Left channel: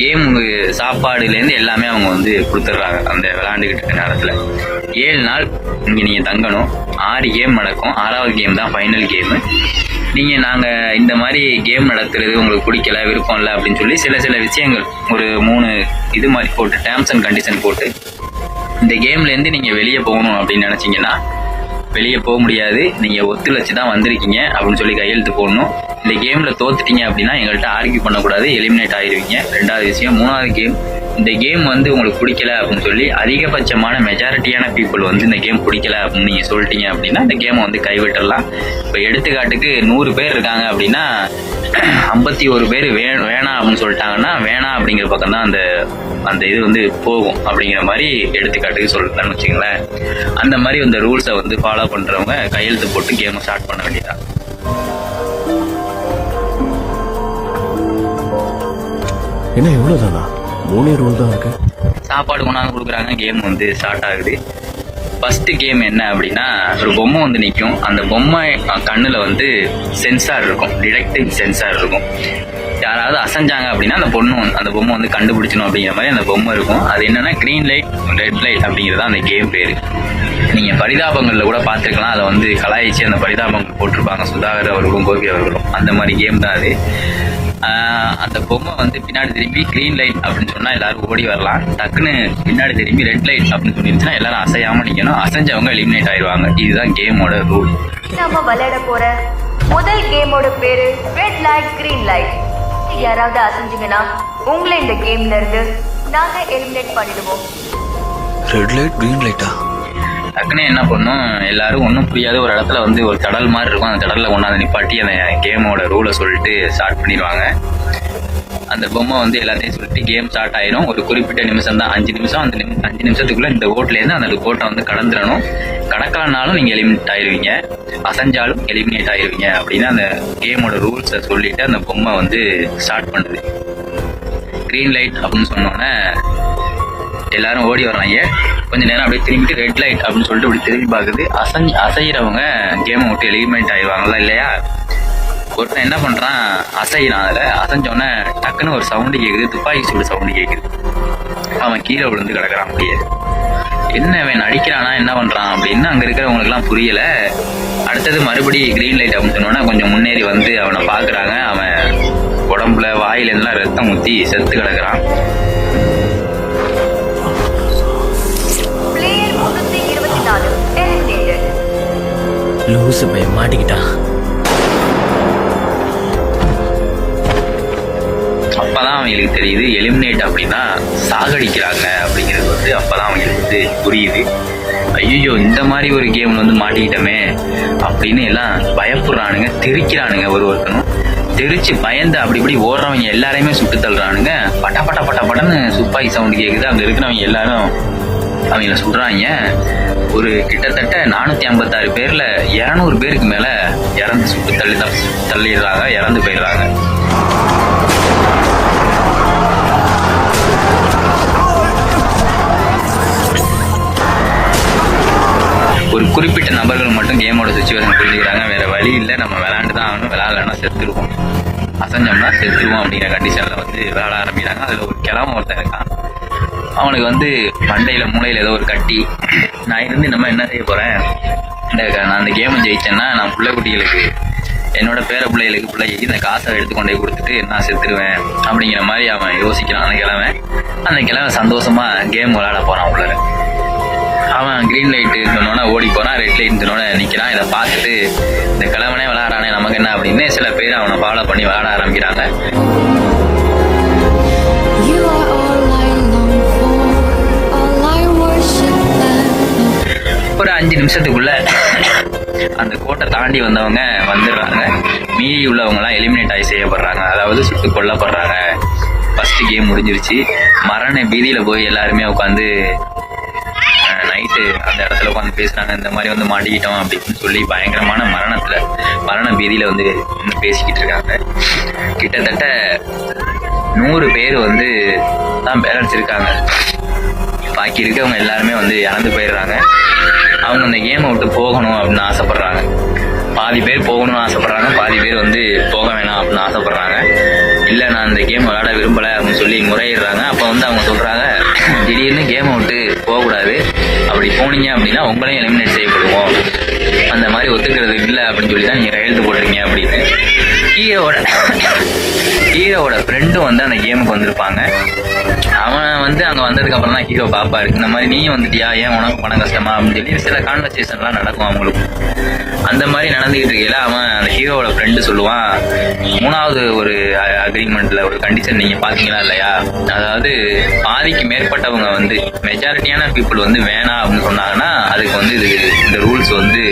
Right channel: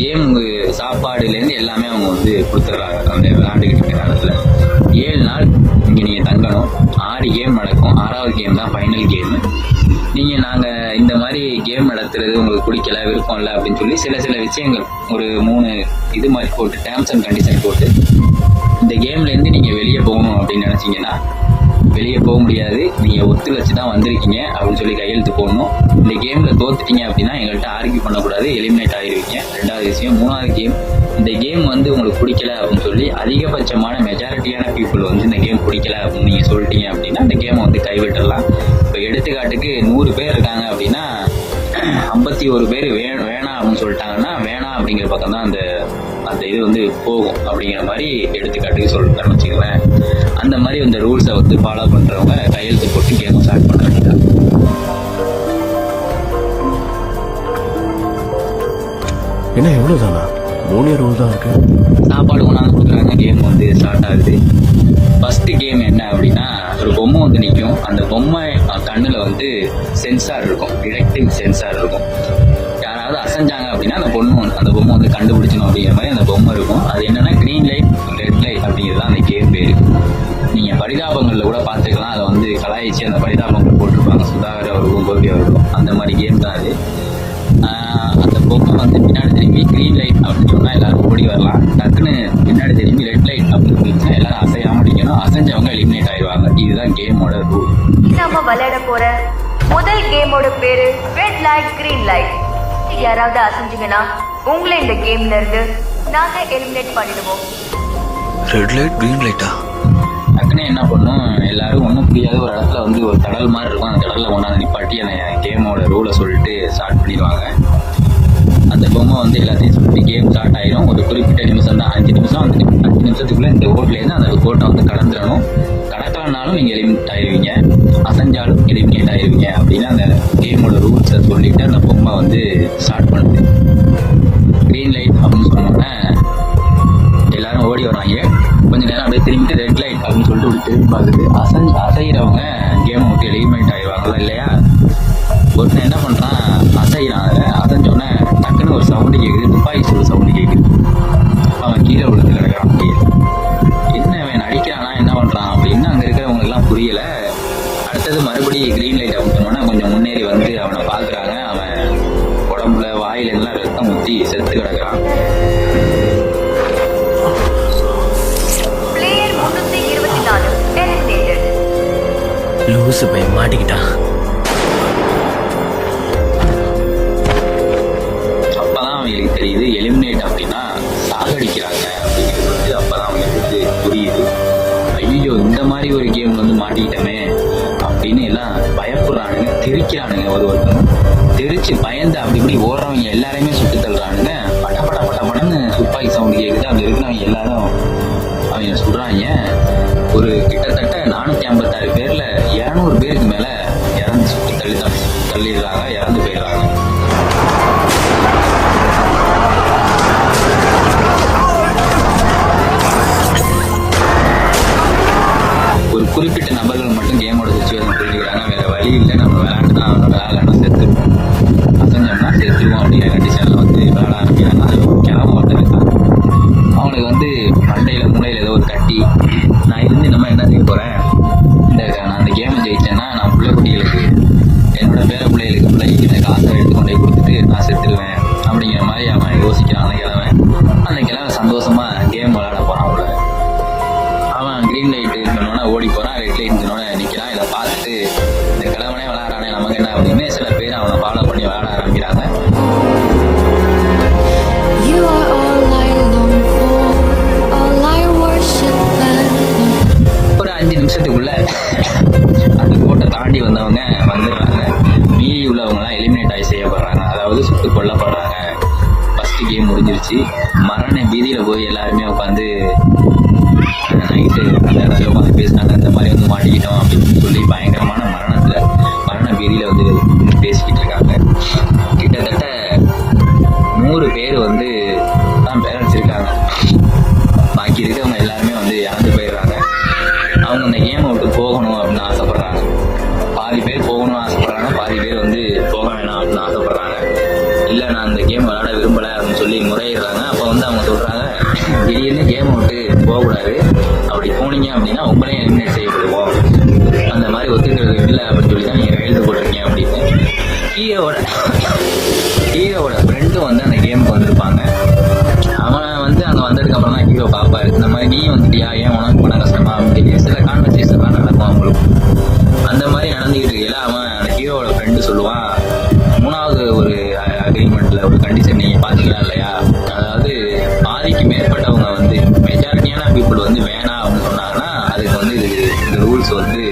Game சாப்பாடுலேருந்து எல்லாமே அவங்க வந்து கொடுத்துட்றாங்க. அந்த விளாண்டுக்கிட்டு இருக்க நேரத்தில் 7 நாள் இங்கே நீங்கள் தங்கணும். 6 கேம் நடக்கும். 6வது கேம் தான் ஃபைனல் கேமு. நாங்கள் இந்த மாதிரி கேம் நடத்துறது உங்களுக்கு பிடிக்கல, விருப்பம் இல்லை அப்படின்னு சொல்லி சில விஷயங்கள் ஒரு 3 இது மாதிரி போட்டு டேர்ம்ஸ் அண்ட் கண்டிஷன் போட்டு இந்த கேம்லேருந்து நீங்கள் வெளியே போகணும் அப்படின்னு நினச்சிங்கன்னா வெளியே போக முடியாது. நீங்கள் ஒத்துழைச்சி தான் வந்திருக்கீங்க அப்படின்னு சொல்லி கையெழுத்து போடணும். இந்த கேமில் தோத்துட்டீங்க அப்படின்னா எங்கள்கிட்ட ஆர்கியூ பண்ணக்கூடாது, எலிமினேட் ஆகிடுவீங்க. 2வது விஷயம். 3வது கேம், இந்த கேம் வந்து உங்களுக்கு பிடிக்கல அப்படின்னு சொல்லி அதிகபட்சமான மெஜாரிட்டியான பீப்புள் வந்து இந்த கேம் பிடிக்கல அப்படின்னு நீங்கள் சொல்லிட்டீங்க அப்படின்னா இந்த கேமை வந்து கைவிட்டுடலாம். இப்போ எடுத்துக்காட்டுக்கு 100 பேர் இருக்காங்க அப்படின்னா 51 பேர் வேணாம் அப்படின்னு சொல்லிட்டாங்கன்னா வேணாம் அப்படிங்கிற பக்கம் தான் அந்த இது வந்து போகும் அப்படிங்கிற மாதிரி எடுத்துக்காட்டுக்கு சொல்லுங்கன்னு வச்சுங்களேன். அந்த மாதிரி அந்த ரூல்ஸை வந்து ஃபாலோ பண்ணுறவங்க கையெழுத்து போட்டு கேமை ஸ்டார்ட் பண்ண வேண்டியதான். என்ன எவ்வளோதானா? 3 ரூல் தான் இருக்கு. சாப்பாடு கொண்டாந்து கொடுக்குறாங்க, கேம் வந்து ஸ்டார்ட் ஆகுது. ஃபர்ஸ்ட் கேம் என்ன அப்படின்னா, ஒரு பொம்மை வந்து நிற்கும். அந்த பொம்மை கண்ணில் வந்து சென்சார் இருக்கும், டிடெக்டிவ் சென்சார் இருக்கும். யாராவது அசைஞ்சாங்க அப்படின்னா அந்த பொம்மை வந்து கண்டுபிடிச்சணும் அப்படிங்கிற மாதிரி அந்த பொம்மை இருக்கும். அது என்னன்னா க்ரீன் லைட், ரெட் லைட் அப்படிங்கிறது அந்த கேம் பேர். நீங்கள் பரிதாபங்களில் கூட பார்த்துருக்கலாம். அதை வந்து கலாய்ச்சி அந்த பரிதாபங்கள் போட்டிருப்பாங்க, சுதாகர் அவர்களும் கோபி அவர்களும். அந்த மாதிரி கேம் தான் அது. அந்த பொம்மை வந்து பின்னாடி திரும்பி க்ரீன் லைட் அப்படின்னு சொன்னால் எல்லாரும் ஓடி வரலாம். டக்குன்னு பின்னாடி திரும்பி ரெட் லைட் அப்படின்னு சொல்லிடுச்சுன்னா எல்லாரும் அசையாமல் நிற்கணும். அசைஞ்சவங்க எலிமினேட் ஆயிடுவாங்க. இதுதான் கேமோட ரூல். நம்ம விளையாட போற முதல் கேமோட பேரு ரெட் லைட் கிரீன் லைட். யாராவது அசைஞ்சிங்கன்னா உங்களை இந்த கேம்ல இருந்து நாங்க எலிமினேட் பண்ணிடுவோம். ரெட் லைட் கிரீன் லைட்டா? டக்குன்னு என்ன பண்ணும், எல்லாரும் ஒன்றும் புரியாத ஒரு இடத்துல வந்து ஒரு தடல் மாதிரி இருக்கும். அந்த தடலில் கொண்டாந்து நிப்பாட்டி அந்த கேமோட ரூலை சொல்லிட்டு ஸ்டார்ட் பண்ணிடுவாங்க. அந்த பொம்மை வந்து எல்லாத்தையும் சொல்லிட்டு கேம் ஸ்டார்ட் ஆயிரும். ஒரு குறிப்பிட்ட நிமிஷம் தான், 5 நிமிஷம். அந்த 5 நிமிஷத்துக்குள்ளே இந்த ஓட்லேருந்து அந்த கோட்டை வந்து கடந்துடணும். கடக்கலனாலும் நீங்கள் எலிமினேட் ஆயிடுவீங்க, அசைஞ்சாலும் எலிமினேட் ஆயிடுவீங்க அப்படின்னு அந்த கேமோட ரூல்ஸை சொல்லிட்டு அந்த பொம்மை வந்து ஸ்டார்ட் பண்ணுது. க்ரீன் லைட் அப்படின்னு சொன்னோன்னே எல்லாரும் ஓடி வர்றாங்க. கொஞ்ச நேரம் அப்படியே திரும்பிட்டு ரெட் லைட் அப்படின்னு சொல்லிட்டு இப்படி திரும்பி பார்க்குது. அசைகிறவங்க கேமை விட்டு எலிமினேட் ஆயிடுவாங்களா இல்லையா? ஒருத்தன் என்ன பண்ணுறான், அசைகிறான். அதில் அசைஞ்சோடனே டக்குன்னு ஒரு சவுண்டு கேட்குது, துப்பாக்கி சூடு சவுண்டு கேட்குது. அவன் கீழே விழுந்து கிடக்கிறான். அப்படியே என்ன அவன் நடிக்கிறானா என்ன பண்ணுறான் அப்படின்னு அங்கே இருக்கிறவங்களுக்குலாம் புரியலை. அடுத்தது மறுபடியும் க்ரீன் லைட் அப்படின்னு சொன்னோன்னா கொஞ்சம் முன்னேறி வந்து அவனை பார்க்குறாங்க. அவன் உடம்புல வாயிலெல்லாம் ரத்தம் ஊற்றி செத்து கிடக்கிறான். லூசு பையன் மாட்டிக்கிட்டான். அப்பதான் அவங்களுக்கு தெரியுது எலிமினேட் அப்படின்னா சாகடிக்கிறாங்க அப்படிங்கிறது வந்து அப்பதான் அவங்களுக்கு வந்து புரியுது. ஐயோ இந்த மாதிரி ஒரு கேம்ல வந்து மாட்டிக்கிட்டோமே அப்படின்னு எல்லாம் பயப்படுறானுங்க, தெரிக்கிறானுங்க. ஒருத்தனும் தெரிச்சு பயந்து அப்படி இப்படி ஓடுறவங்க எல்லாரையுமே சுட்டு தள்ளுறானுங்க. பட்ட பட்ட பட்ட பட்டன்னு துப்பாக்கி சவுண்டு கேட்குது. அங்கே இருக்கிறவங்க எல்லாரும் அவங்கள சுடுறாங்க. ஒரு கிட்டத்தட்ட 456 பேர்ல 200 பேருக்கு மேல இறந்து சுட்டு தள்ளிடுறாங்க, இறந்து போயிடுறாங்க. ஒரு குறிப்பிட்ட நபர்கள் மட்டும் கேமோட சுச்சுவேஷன் புரிஞ்சுக்கிறாங்க. வேற வழி இல்லை, நம்ம விளையாண்டு தான் ஆகணும். விளையாடலன்னா செத்துருவோம், அசைஞ்சோம்னா செத்துருவோம் அப்படிங்கிற கண்டிஷன்ல வந்து விளையாட ஆரம்பிக்கிறாங்க. அதில் ஒரு கிழமை ஒருத்தன் இருக்கான். அவனுக்கு வந்து மண்டையில் மூளையில் ஏதோ ஒரு கட்டி. நான் இருந்து நம்ம என்ன செய்ய போகிறேன், நான் அந்த கேமை ஜெயிச்சேன்னா நான் குட்டிகளுக்கு, என்னோட பேர பிள்ளைகளுக்கு இந்த காசை எடுத்துக்கொண்டே கொடுத்துட்டு நான் செத்துருவேன் அப்படிங்கிற மாதிரி அவன் யோசிக்கிறான். அந்த கிழமை சந்தோஷமாக கேம் விளையாட போகிறான். உள்ள அவன் க்ரீன் லைட்டு சொன்னோன்னே ஓடி போகிறான், ரெட் லைட் சொன்னோன்னே நிற்கிறான். இதை பார்த்துட்டு இந்த கிழவனே விளையாடுறானே நமக்கு என்ன அப்படின்னு சில பேர் அவனை ஃபாலோ பண்ணி விளையாட ஆரம்பிக்கிறாங்க. ஒரு 5 நிமிஷத்துக்குள்ள அந்த கோட்டை தாண்டி வந்தவங்க வந்துடுறாங்க. மீறி உள்ளவங்கலாம் எலிமினேட் ஆகி செய்யப்படுறாங்க, அதாவது சுட்டு கொல்லப்படுறாங்க. ஃபர்ஸ்ட் கேம் முடிஞ்சிருச்சு. மரண பீதியில் போய் எல்லாருமே உட்காந்து நைட்டு அந்த இடத்துல உட்காந்து பேசினாங்க. இந்த மாதிரி வந்து மாட்டிக்கிட்டோம் அப்படின்னு சொல்லி பயங்கரமான மரண பீதியில் வந்து பேசிக்கிட்டு இருக்காங்க. கிட்டத்தட்ட 100 பேர் வந்து தான் பேரண்ட்ஸ் இருக்காங்க. பாக்கி இருக்கவங்க எல்லாருமே வந்து இறந்து போயிடுறாங்க. அவங்க அந்த கேமை விட்டு போகணும் அப்படின்னு ஆசைப்படுறாங்க. பாதி பேர் போகணும்னு ஆசைப்படுறாங்க, பாதி பேர் வந்து போக வேணாம் அப்படின்னு ஆசைப்படுறாங்க. இல்லை நான் இந்த கேம் விளையாட விரும்பலை அப்படின்னு சொல்லி முறையிடுறாங்க. அப்போ வந்து அவங்க சொல்கிறாங்க, திடீர்னு கேமை விட்டு போகக்கூடாது, அப்படி போனீங்க அப்படின்னா உங்களையும் எலிமினேட் செய்யப்படுவோம், அந்த மாதிரி ஒத்துக்கிறது இல்லை அப்படின்னு சொல்லி தான் நீங்கள் கையெழுத்து போடுறீங்க அப்படின்னு. ஹீரோவோட ஃப்ரெண்டும் வந்து அந்த கேமுக்கு வந்திருப்பாங்க. அவன் வந்து அங்கே வந்ததுக்கப்புறம் தான் ஹீரோ பார்ப்பாரு, இந்த மாதிரி நீயும் வந்துட்டியா, ஏன் உனக்கு பணம் கஷ்டமா அப்படின்னு சொல்லி சில கான்வர்சேஷன்லாம் நடக்கும் அவங்களுக்கு. அந்த மாதிரி நடந்துக்கிட்டு இருக்கையில அவன் அந்த ஹீரோவோட ஃப்ரெண்டு சொல்லுவான், 3வது ஒரு அக்ரிமெண்ட்ல ஒரு கண்டிஷன் நீங்கள் பார்த்தீங்களா இல்லையா, அதாவது பாதிக்கு மேற்பட்டவங்க வந்து மெஜாரிட்டியான பீப்புள் வந்து வேணாம் அப்படின்னு சொன்னாங்கன்னா அதுக்கு வந்து இந்த ரூல்ஸ் வந்து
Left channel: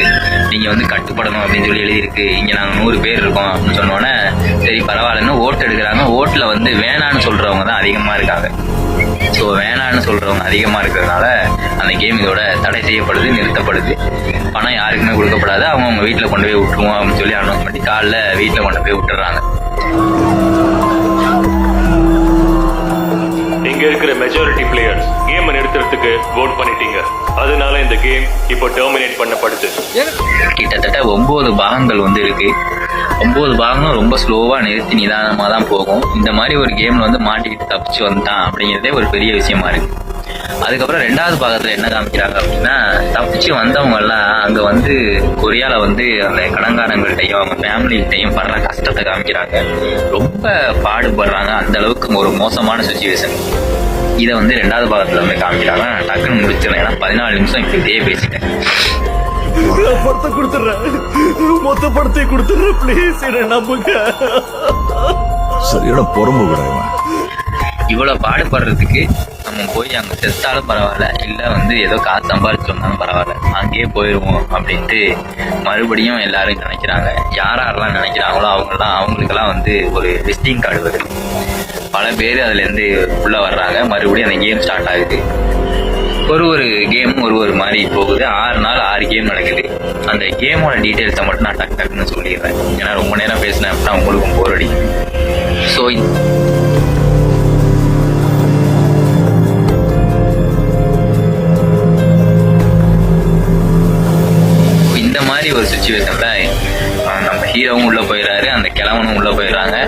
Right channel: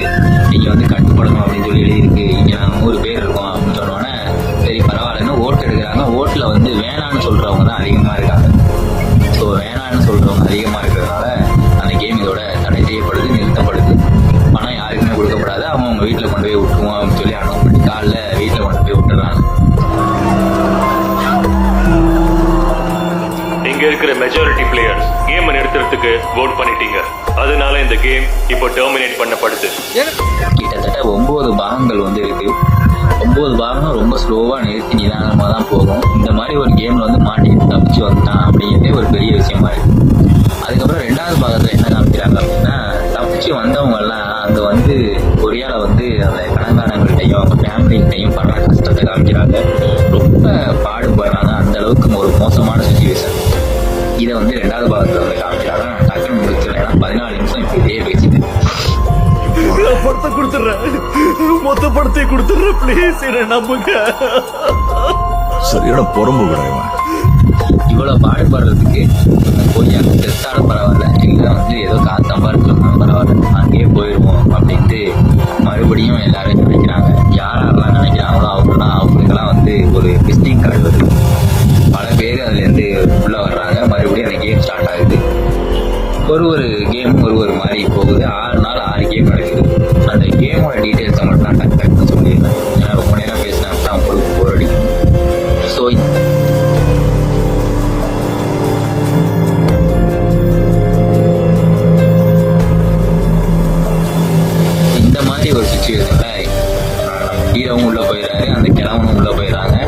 நீங்கள் வந்து கட்டுப்படணும் அப்படின்னு சொல்லி எழுதியிருக்கு, இங்கே நாங்கள் 100 பேர் இருக்கோம் அப்படின்னு சொன்னோன்னே சரி பரவாயில்லன்னு ஓட்டு எடுக்கிறாங்க. ஓட்டில் வந்து வேணான்னு சொல்கிறவங்க தான் அதிகமாக இருக்காங்க. ஸோ வேணான்னு சொல்கிறவங்க அதிகமாக இருக்கிறதுனால அந்த கேம் இதோட தடை செய்யப்படுது, நிறுத்தப்படுது. பணம் யாருக்குமே கொடுக்கப்படாது, அவங்க வீட்டில் கொண்டு போய் விட்டுருவோம் அப்படின்னு சொல்லி அனௌன்ஸ் பண்ணி காலைல வீட்டில் கொண்டு போய் விட்டுறாங்க. இங்க இருக்கிற மெஜாரிட்டி பிளேயர்ஸ் கேமை நிறுத்துறதுக்கு வோட் பண்ணிட்டீங்க, அதனால இந்த கேம் இப்போ டெர்மினேட் பண்ணப்படுது. கிட்டத்தட்ட 9 பாகங்கள் வந்து இருக்கு. 9 பாகங்களும் ரொம்ப ஸ்லோவாக நிறுத்தி நிதானமாக தான் போகும். இந்த மாதிரி ஒரு கேமில் வந்து மாட்டிக்கிட்டு தப்பிச்சு வந்துட்டான் அப்படிங்கிறதே ஒரு பெரிய விஷயமா இருக்கு. அதுக்கப்புறம் 2வது பாகத்தில் என்ன காமிக்கிறாங்க அப்படின்னா, தப்பிச்சு வந்தவங்கெல்லாம் அங்கே வந்து கொரியாவில் வந்து அந்த கடன்காரங்கள்கிட்டையும் அவங்க ஃபேமிலிகிட்டையும் படுற கஷ்டத்தை காமிக்கிறாங்க. ரொம்ப பாடுபடுறாங்க, அந்த அளவுக்கு ஒரு மோசமான சுச்சுவேஷன். இதை வந்து 2வது பாகத்தில் வந்து காமிக்கிறாங்க. நான் டக்குன்னு முடிச்சிடறேன், ஏன்னா 14 நிமிஷம் இப்போ இதே பேசிட்டேன். படத்தை கொடுத்துட்றேன், மொத்த படத்தை கொடுத்துட்றேன், பிளீஸ் என்ன நம்புங்க. சரியான பொறும்பு கிடையாது. இவ்வளோ பாடுபடுறதுக்கு நம்ம போய் அங்கே செத்தாலும் பரவாயில்ல, இல்லை வந்து ஏதோ காசு சம்பாதிச்சிருந்தாலும் பரவாயில்ல, அங்கேயே போயிடுவோம் அப்படின்ட்டு மறுபடியும் எல்லாரும் நினைக்கிறாங்க. யாரெல்லாம் நினைக்கிறாங்களோ அவங்களுக்கெல்லாம் வந்து ஒரு விசிட்டிங் கார்டு வருது. பல பேர் அதுலேருந்து உள்ளே வர்றாங்க. மறுபடியும் அந்த கேம் ஸ்டார்ட் ஆகுது. ஒரு கேமும் ஒரு மாதிரி போகுது. 6 நாள் 6 கேம் நடக்குது. அந்த கேமோட டீட்டெயில்ஸை மட்டும் நான் டக்குன்னு சொல்லிடுறேன், ஏன்னா ரொம்ப நேரம் பேசினேன் அப்படின்னா உங்களுக்கும் போர் அடிக்கும். ஸோ இந்த மாதிரி ஒரு சுச்சுவேஷன்ல நம்ம ஹீரோவும் உள்ளே போயிடுறாரு, அந்த கிழவனும் உள்ளே போயிடுறாங்க.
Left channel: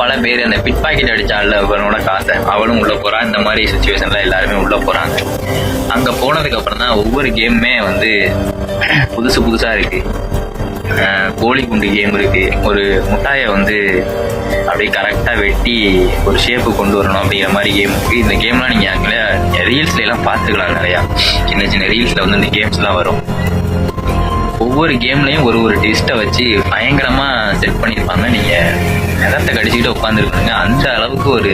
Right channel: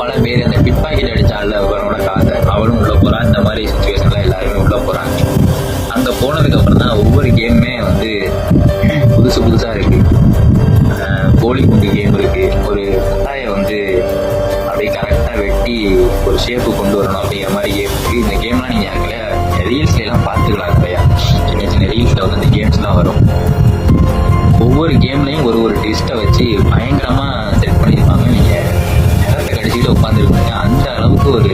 பல பேர் அந்த பிட் பாக்கெட் அடித்தால அவனோட காசை அவனும் உள்ளே போகிறான். இந்த மாதிரி சுச்சுவேஷனில் எல்லாருமே உள்ளே போகிறாங்க. அங்கே போனதுக்கப்புறம் தான் ஒவ்வொரு கேமுமே வந்து புதுசாக இருக்குது. கோழி குண்டு கேம் இருக்குது, ஒரு முட்டாயை வந்து அப்படியே கரெக்டாக வெட்டி ஒரு ஷேப்பு கொண்டு வரணும் அப்படிங்கிற மாதிரி கேம் இருக்குது. இந்த கேம்லாம் நீங்கள் அங்கே ரீல்ஸ்லாம் பார்த்துக்கலாம். நிறையா சின்ன சின்ன ரீல்ஸில் வந்து இந்த கேம்ஸ்லாம் வரும். ஒவ்வொரு கேம்லேயும் ஒரு ட்விஸ்ட்டை வச்சு பயங்கரமாக செட் பண்ணியிருப்பாங்க. நீங்கள் நிலத்தை கடிச்சிக்கிட்டு உட்காந்துருக்குங்க. அந்த அளவுக்கு ஒரு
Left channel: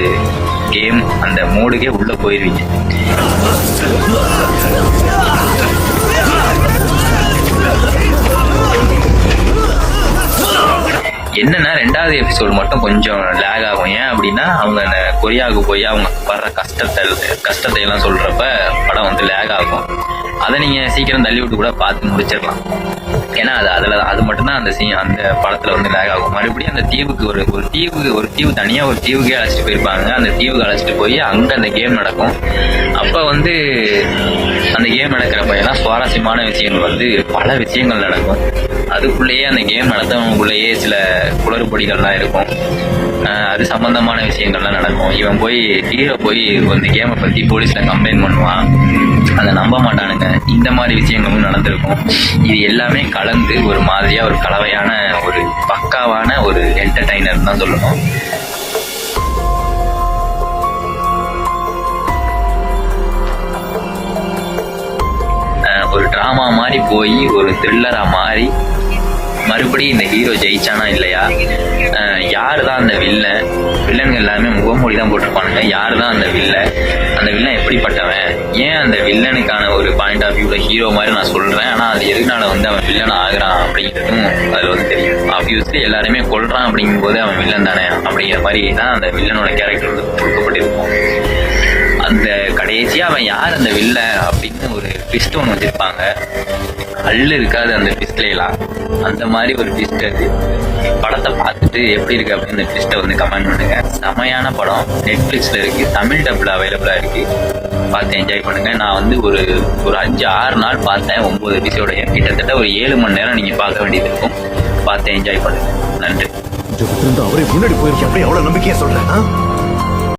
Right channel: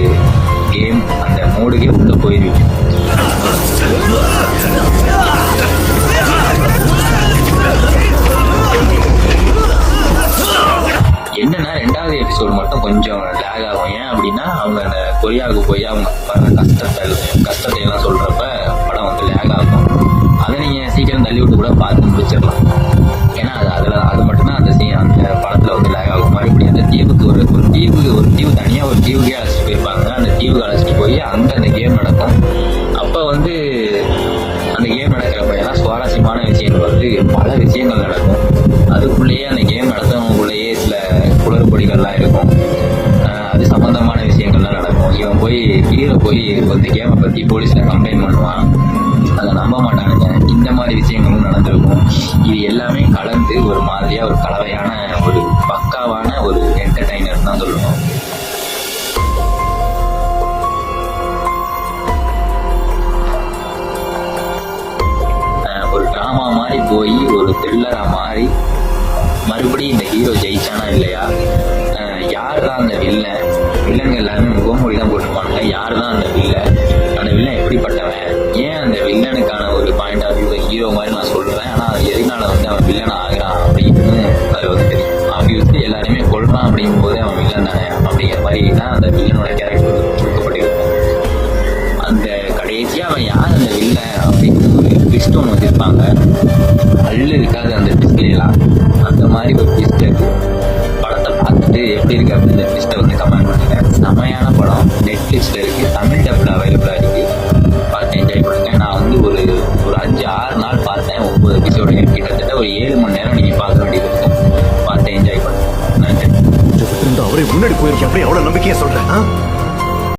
கேம், அந்த மோடுக்கே உள்ளே போயிருவீங்க. என்னன்னா 2வது எபிசோடு மட்டும் கொஞ்சம் லேக் ஆகும். ஏன் அப்படின்னா அவங்க அந்த கொரியாவுக்கு போய் அவங்க படுற கஷ்டத்தை எல்லாம் சொல்கிறப்ப படம் வந்து லேக் ஆகும். அதை நீங்கள் சீக்கிரம் தள்ளி விட்டு கூட பார்த்து முடிச்சிடலாம். ஏன்னா அது மட்டும்தான் அந்த படத்தில் வந்து லேக் ஆகும். மறுபடியும் அந்த தீவுக்கு ஒரு தீவு தனியாக ஒரு தீவுக்கே அழைச்சிட்டு போயிருப்பாங்க. அந்த தீவுக்கு அழைச்சிட்டு போய் அங்கே அந்த கேம் நடக்கும். அப்போ வந்து அந்த கேம் நடக்கிறப்ப எல்லாம் சுவாரஸ்யமான விஷயங்கள் வந்து பல விஷயங்கள் நடக்கும். அதுக்குள்ளேயே அந்த கேம் நடத்தவங்களுக்குள்ளேயே சில குளறுபடிகள்லாம் இருக்கும். அது சம்பந்தமான விஷயங்கள்லாம் நடக்கும். இவன் ஹீரோ போய் இந்த கேமை பற்றி போலீஸில் கம்ப்ளைண்ட் பண்ணுவான், அதை நம்ப மாட்டானுங்க. இந்த மாதிரி விஷயங்களும் நடந்திருக்கும். இது எல்லாமே கலந்து ஒரு மாதிரியாக ஒரு கலவையான ஒரு பக்காவான ஒரு என்டர்டைனர் தான் சொல்லணும். ஒரு ட்ராமா மாதிரி போய் ஒரு த்ரில்லராக மாறி மறுபடியும் இந்த ஹீரோ ஜெயிச்சானா இல்லையா, யார் தான் அந்த வில்லன்கள் எல்லாருமே முகமூடி தான் போட்டிருப்பானுங்க. யார் தான் அந்த வில்லன் எப்படிப்பட்டவன், ஏன் அந்த வில்லனுக்கான ஒரு பாயிண்ட் ஆஃப் வியூவில் ஹீரோ மாதிரி நான் சொல்கிறேன், ஆனால் அது எதுனால வந்து அவன் வில்லன் ஆகிறான் அப்படிங்கிறதும் அதில் வந்து தெரியும். ஆப்வியஸ்லி எல்லாருமே கொள்றான் அப்படிங்கும்போது அவன் வில்லன் தானே அப்படிங்கிற மாதிரி தான் அந்த வில்லனோட கேரக்டர் கொடுக்கப்பட்டிருக்கும். அந்த கடைசியாக அவன் யார் அந்த வில்லன் அப்படின்னு ஒரு ட்விஸ்ட் ஒன்று வச்சுருப்பாங்க. இருக்காது அந்த ட்விஸ்ட்லாம், அந்த மாதிரி ஒரு ட்விஸ்ட் அது. படத்தை பார்த்துட்டு எப்படி இருக்கு அப்படின்னு இந்த ட்விஸ்ட்டை வந்து கமெண்ட் பண்ணுங்க. செமையான படம், நெட்ஃபிளிக்ஸ்ல இருக்கு, தமிழ் டப்ல அவைலபிளா இருக்கு. பார்த்து என்ஜாய் பண்ணுங்க. நான் வந்து ஒரு 5-6 நாள் பார்த்தேன் 9 எபிசோடு. கிட்டத்தட்ட ஒரு 7 மணி நேரம் நீங்க பார்க்க வேண்டியது இருக்கும். பார்த்து என்ஜாய் பண்ணுங்க. நன்றி. அவரே முன்னாடி போயிருக்கேன். எப்படி எவ்வளவு நம்பிக்கையா சொல்றேன்?